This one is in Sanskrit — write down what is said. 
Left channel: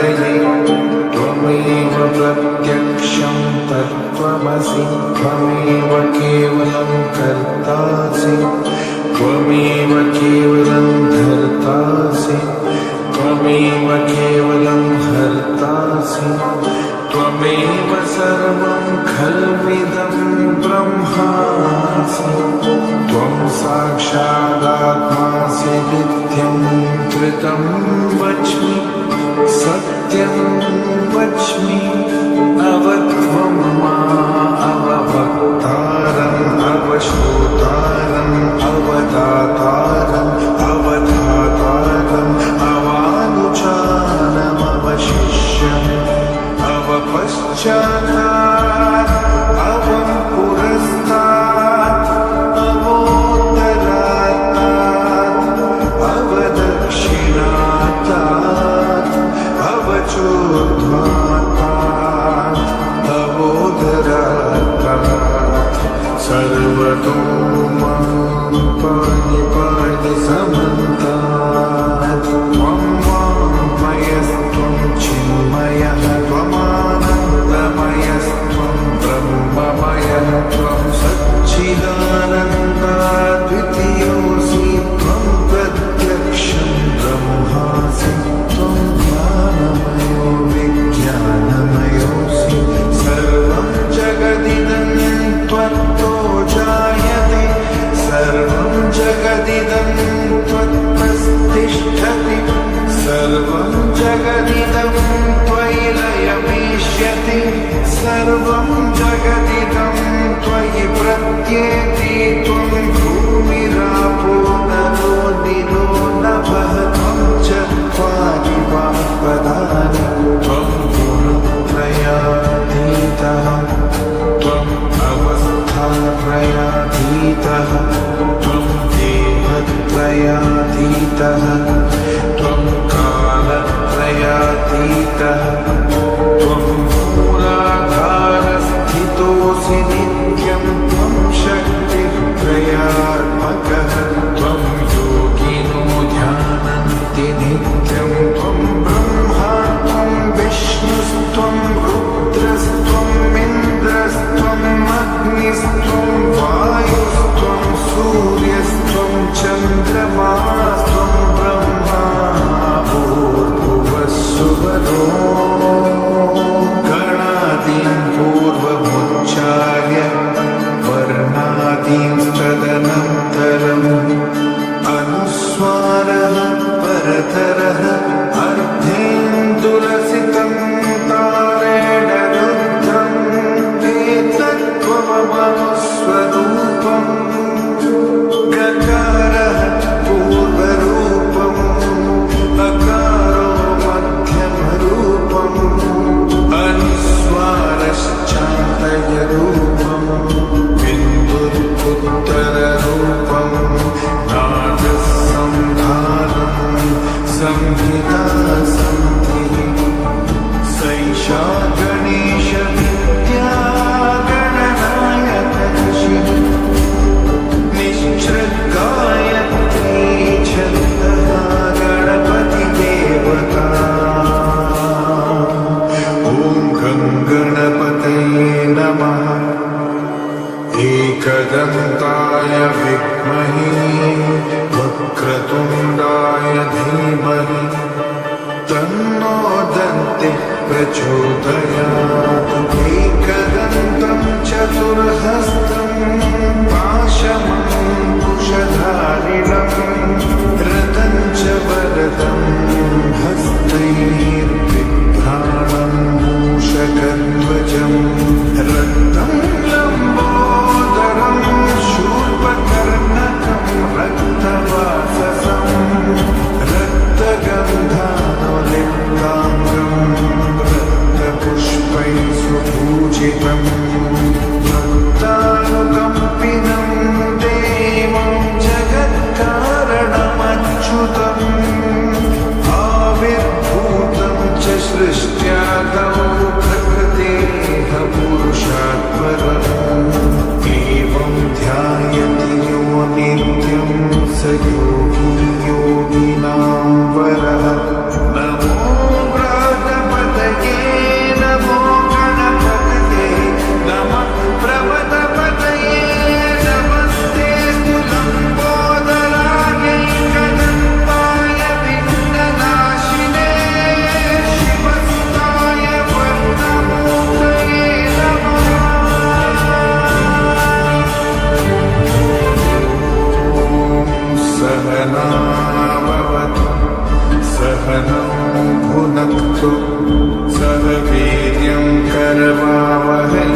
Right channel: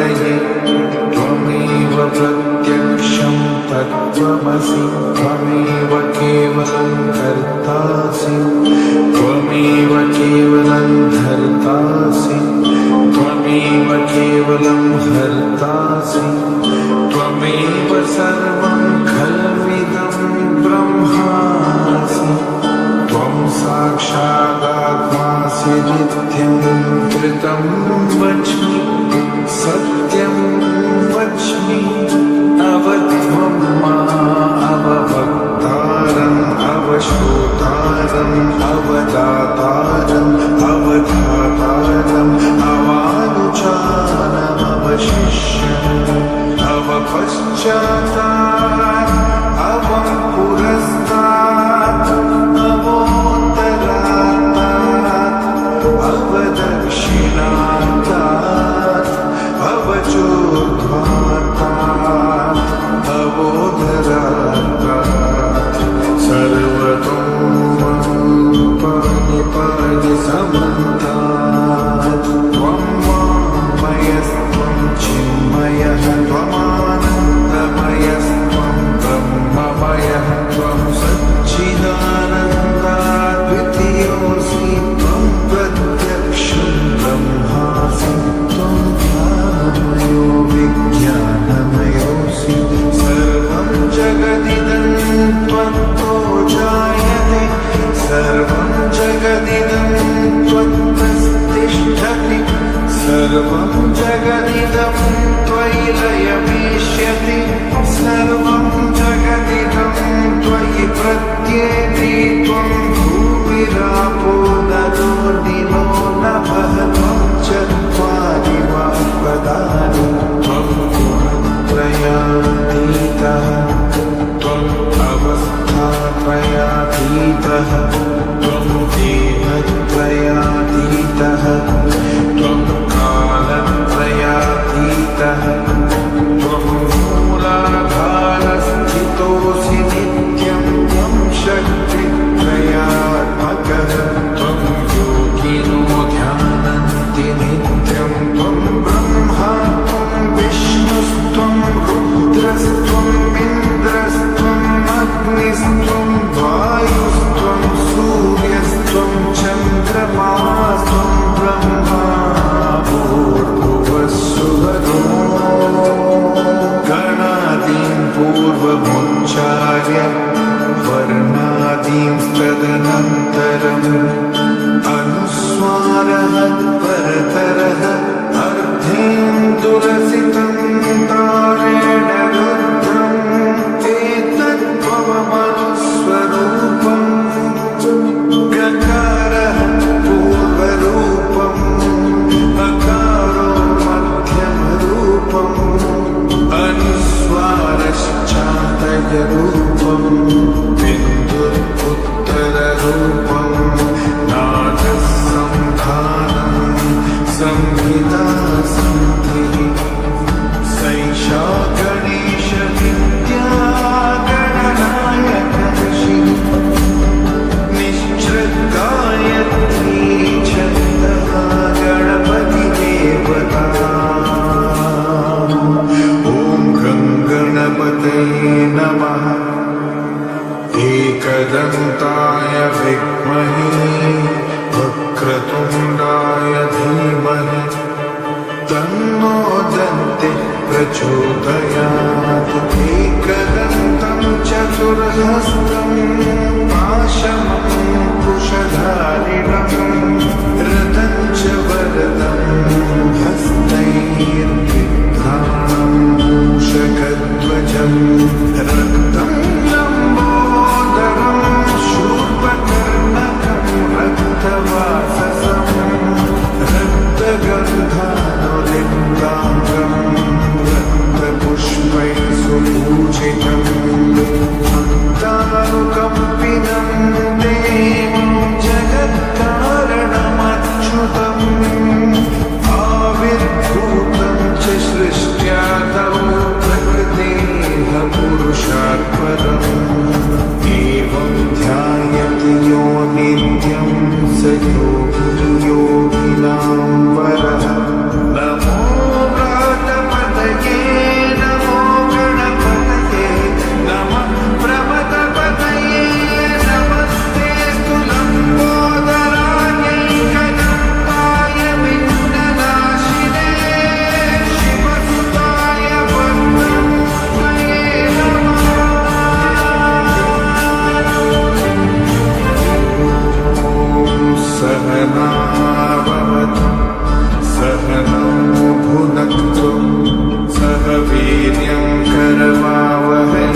प्रजापतये त्वमेव प्रत्यक्षं तत्त्वमसि त्वमेव केवलं कर्तासि त्वमेव केवलं धर्तासि त्वमेव केवलं हर्तासि त्वमेव सर्वं खल्विदं ब्रह्मासि त्वं साक्षादात्मासि नित्यं त्रितं वच्मि सत्यं वच्मि अवत्वं मा अववक्तारम् अवश्रोतारम् अवदातारम् अवधातारम् अवानुचानम् अवशिष्यम् अवपश्चातात् अवं पुरस्तात् अवोत्तरात्तात् अवदक्षिणात्तात् अवचोर्ध्वात्तात् अवोदरात्तात् सर्वतो मां पाहि पाहि समन्तात् त्वं वाङ्मयस्त्वं चिन्मयः त्वमानन्दमयस्त्वं ब्रह्ममयः त्वं सच्चिदानन्दाद्वितीयोऽसि त्वं प्रत्यक्षं ब्रह्मासि त्वं ज्ञानमयो विज्ञानमयोऽसि सर्वं जगदिदं त्वत्तो जायते सर्वं जगदिदं त्वत्तस्तिष्ठति सर्वं जगदिदं त्वयि लयमीष्यति सर्वं जगदिदं त्वयि प्रत्येति त्वं भूमिरापो नलो निलो नभः त्वं चत्वारि वाक्पदानि त्वं गुणत्रयातीतः त्वम् अवस्थात्रयातीतः त्वं देहत्रयातीतः त्वं कालत्रयातीतः त्वं मूलाधारस्थितोऽसि नित्यं त्वं शक्तित्रयात्मकः त्वं योगिनो ध्यानन्ति नित्यं त्वं ब्रह्मा त्वं विष्णुस्त्वं रुद्रस्त्वम् इन्द्रस्त्वम् अग्निस्त्वं वायुस्त्वं सूर्यस्त्वं चन्द्रमास्त्वं ब्रह्मा भूर्भुवस्सुवरो गणादीं पूर्वमुच्चार्य वर्णादींस्तदनन्तरम् अनुस्वारः परतरः अर्धेन्दुरसितं तारेण रुद्रम् एतत्त्वमनुस्वरूपम् गकारः पूर्वरूपम् अकारो मध्यमरूपम् अनुस्वारश्चान्तयरूपम् बिन्दुरुत्तररूपम् नादः संधानम् संहिता सन्धिः सैषा गणेशविद्या गणनायकर्षिः निश्चृद्गायत्री छन्दः गणपतिदेवता ॐ गं गणपतये नमः एकदन्ताय विद्महे वक्रतुण्डाय धीमहि तन्नो दन्तिः प्रचोदयात् एकदन्तं चतुर्हस्तं पाशमङ्कुशधारिणं रथं च वरदं हस्तैर्बिभ्राणं मूषकध्वजं रक्तं लम्बोदरं शूर्पकर्णकं रक्तवाससं रक्तगन्धानुलिप्ताङ्गं रक्तपुष्पैः सुपूजितं भक्तानुकम्पिनं देवं जगत्कारणमच्युतम् आविर्भूतं च सृष्ट्यादौ प्रकृतेः पुरुषात्परम् एवं ध्यायति यो नित्यं स योगी योगिनां वरः नमो व्राता सहनाववतु सहनौ भुनक्तु सह वीर्यं करवावहै